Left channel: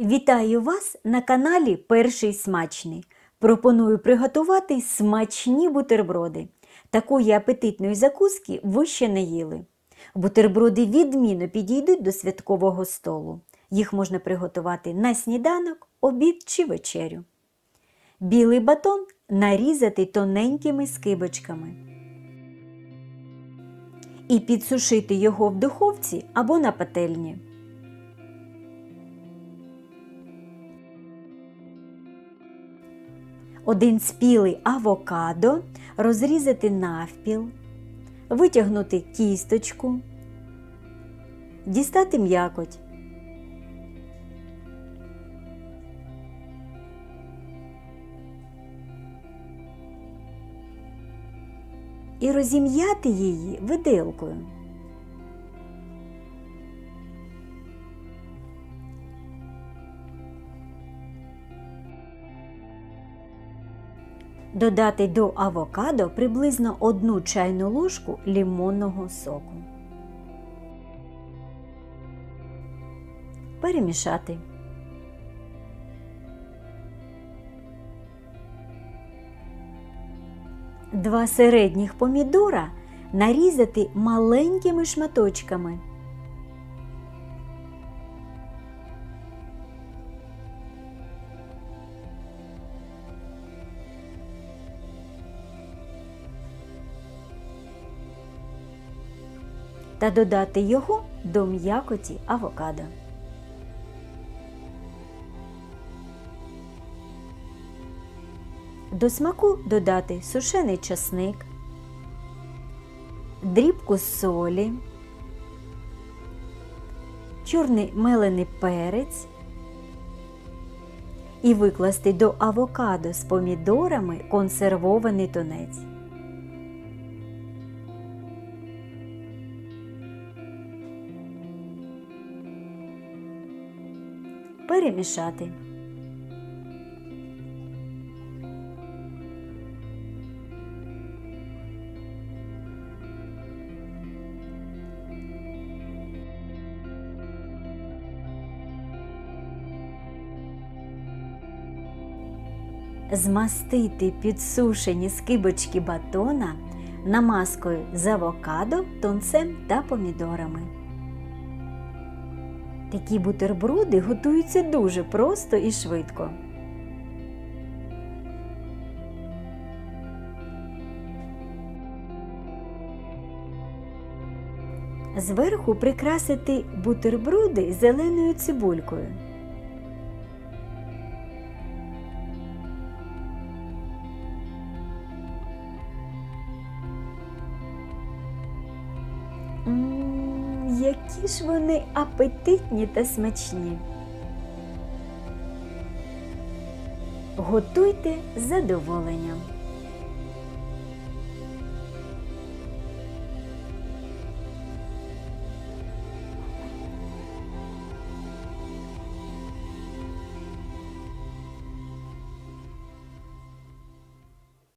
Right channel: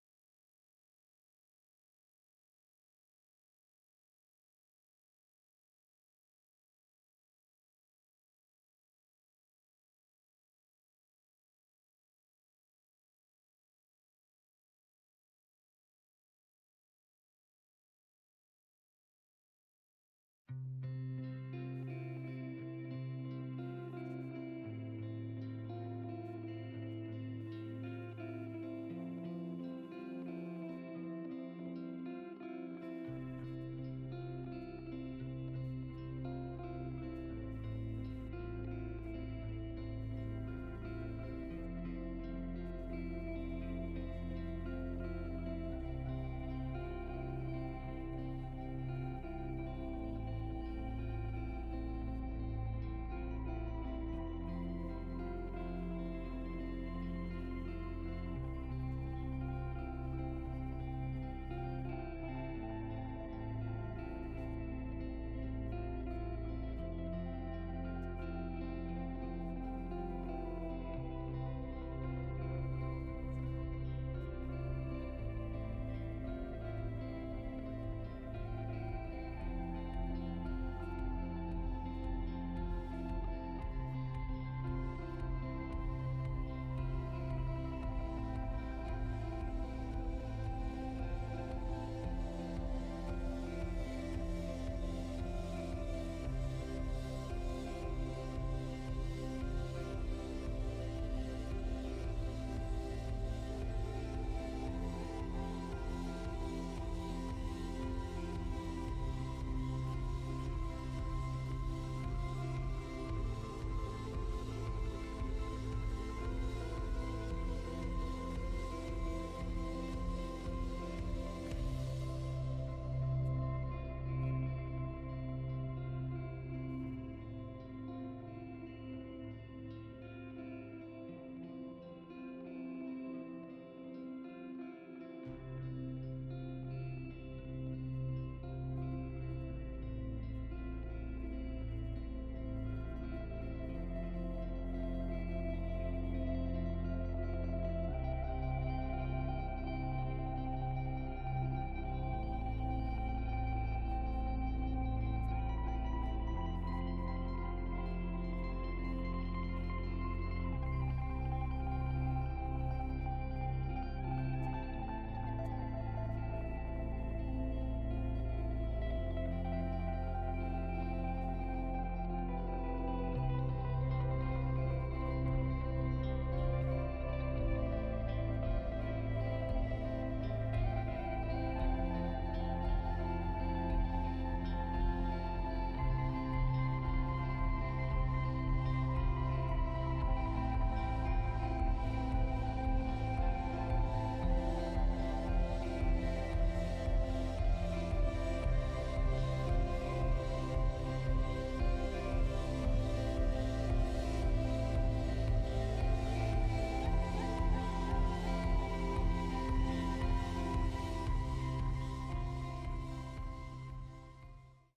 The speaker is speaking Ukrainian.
Вітаю вас на каналі Перший смачний. Пропоную приготувати смачні бутерброди. Такої апетитної закуски ви ще не їли. Бутерброди відмінно підійдуть до святкового столу. Їх можна приготувати на сніданок, обід чи вечерю. Білий батон нарізати тоненькими скибочками і підсушити його в духовці або на пательні. Один спілий авокадо розрізати навпіл, витягнути кісточку, дістати м'якоть. І розім'яти її виделкою. Додати до авокадо приблизно одну чайну ложку лимонного соку. Перемішати. Два середніх помідора нарізати маленькими шматочками. Та додати його до м'якоті авокадо. До смаку додати сушений часник, дрібку солі, чорний мелений перець і викласти до авокадо з помідорами консервований тунець. Перемішати. Змастити підсушені скибочки батона намазкою з авокадо, тунцем та помідорами. Такі бутерброди готуються дуже просто і швидко. Зверху прикрасити бутерброди зеленою цибулькою. М, Які ж вони апетитні та смачні. Готуйте задоволенням.